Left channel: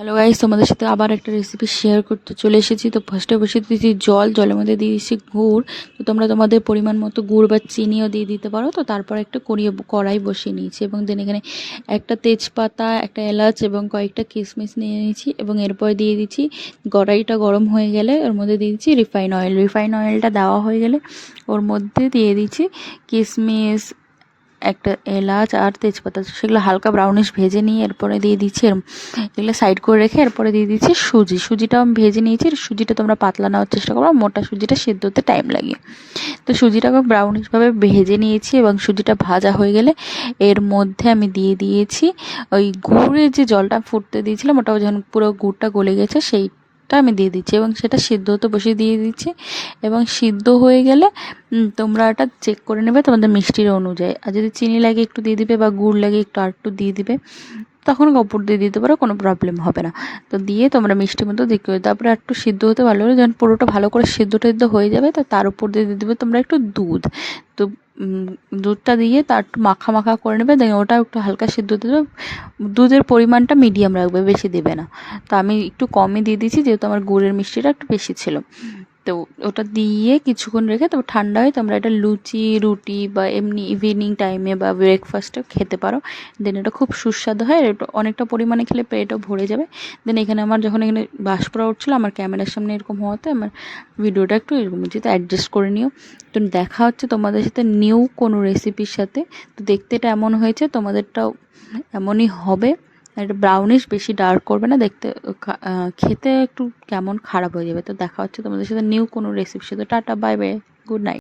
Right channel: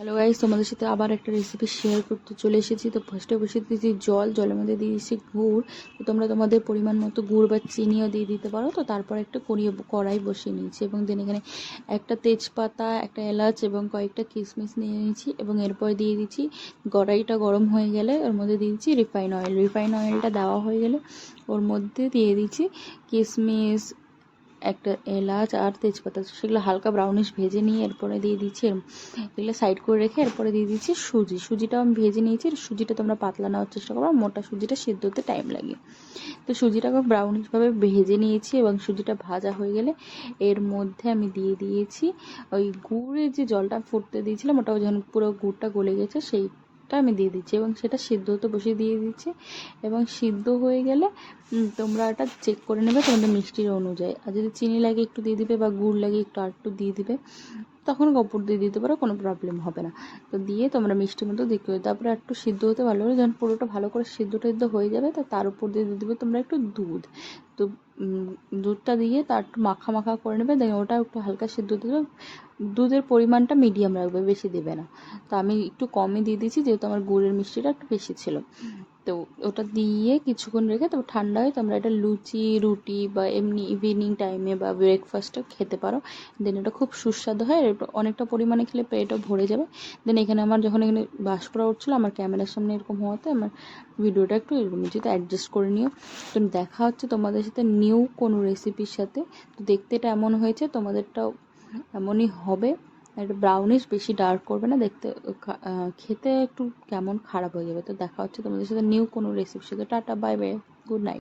Hello guys, তোমাদের সাথে আবার একটা রেসিপি শেয়ার করতে চলে এসেছি। তো ফার্স্টে বসিয়ে দিয়েছি জল, জলের মধ্যে দিয়ে দিচ্ছি গুড়। তো তোমরা তোমাদের পরিমাণ মতো গুড় বা চিনিও দিয়ে দিতে পারো। তো তারপর একটা কড়াই বসিয়ে নিয়েছি এবং দেন এখানে একটা তেজপাতা, একটা এলাচ এবং কয়েকটা কিশমিশ নিয়ে নিয়েছি এবং এরপর দিয়ে দিচ্ছি, কড়াইটা গরম হয়ে গেলে ওর মধ্যে দিয়ে দিচ্ছি রিফাইন অয়েল। রিফাইন অয়েলটা দেওয়া হয়ে গেলে ওর মধ্যে দিয়ে দিচ্ছি কিশমিশ, একটা এলাচ আর তেজপাতা, সেগুলো হালকা ব্রাউনিশ ভেজে নিয়ে এরপরে দিয়ে দিচ্ছি। এগুলো সাইড করে রেখে এরপরে দিয়ে দিচ্ছি সুজিটাও আমি ভেজে নিয়েছি। সুজিটা তোমরা পাতলা নেওয়ার চেষ্টা করো, মোটা সুজিটা সিদ্ধ হতে টাইম লাগে। তো সুজিটাকে ব্রাউনিশভাবে ভেজে নিয়েছি এবং সুজিটা ভাজা হয়ে গেলে এর মধ্যে আমি দিয়ে দিয়েছি ওই গুড়ের যে জলটা ফুটতে দিয়েছিলাম, ওটাও যখন পুরো গুড়টা গলে গেছে সেইটা আমি দিয়ে দিচ্ছি এবং সেটা সিদ্ধ হতে বসিয়ে দিয়ে দিচ্ছি। এবং সিদ্ধ হয়ে গেলে তোমরা এটা চেক করে নেবে তোমাদের মিষ্টির অনুযায়ী, আর যদি চিনি লাগে একটু দিয়ে দিবে বা গুড় লাগে একটু দিয়ে দিবে, তখন কাপড় দিয়ে দিতে পারো, কোনো প্রবলেম হবে না। তো দিয়ে তোমরা মিষ্টি মতো দেখবে, তারপরে একটু সিদ্ধ হতে ভালো করে যখন পুরোটা ভালো করে সিদ্ধ হয়ে যাবে, তো তার উপর দিয়ে দেবে তোমরা একটু দুধ। তো দুধটা দিয়ে তার একটু মাখা মাখা করে নেবে, দেখে ওটা একটু হালকা সিদ্ধ হতে দেবে। দুধের পরিমাণটা মিডিয়াম রাখবে, বেশি দেবে না। তো আমি একটু কমই দিয়ে দিয়েছি যেহেতু আমার গুড়ের মিষ্টিটা একটু বেশি ছিল। তো ওটা দিয়ে কিছুক্ষণ রেখে তবে ঠান্ডা হয় তোমরা এটা লুচি, রুটি বা এমনি ইভিনিং টাইমে বা ব্রেকফাস্টে খেতে পারো। দেন এটা খুব সুস্বাদু হয়, এটা অনেকটা পরিমাণে খেলে পেটও ভরে যাবে। দেন এখানে আমার যখন এখানে বাষ্পরা উঠছিলো আমার ক্যামেরার সামনে এরকম হওয়াতে আমার ভিডিওটা একটু এরকম যেহেতু অ্যাডজাস্ট করে নিও। তো দেখা হচ্ছে তোমাদের সাথে নিউ কোনো রেসিপির সাথে। তো দেখতে এটা এমন হয়েছে, তোমাদেরটাও এমনই হবে। এটা ব্রাউনিশ, বেশি ডার্ক করবে না, দেখতে খেতে একটু কেমন খারাপ হয়ে যাবে। তো দেখা হচ্ছে তোমাদের সাথে নিউ কোনো রেসিপির সাথে। Tata, bye bye, good night.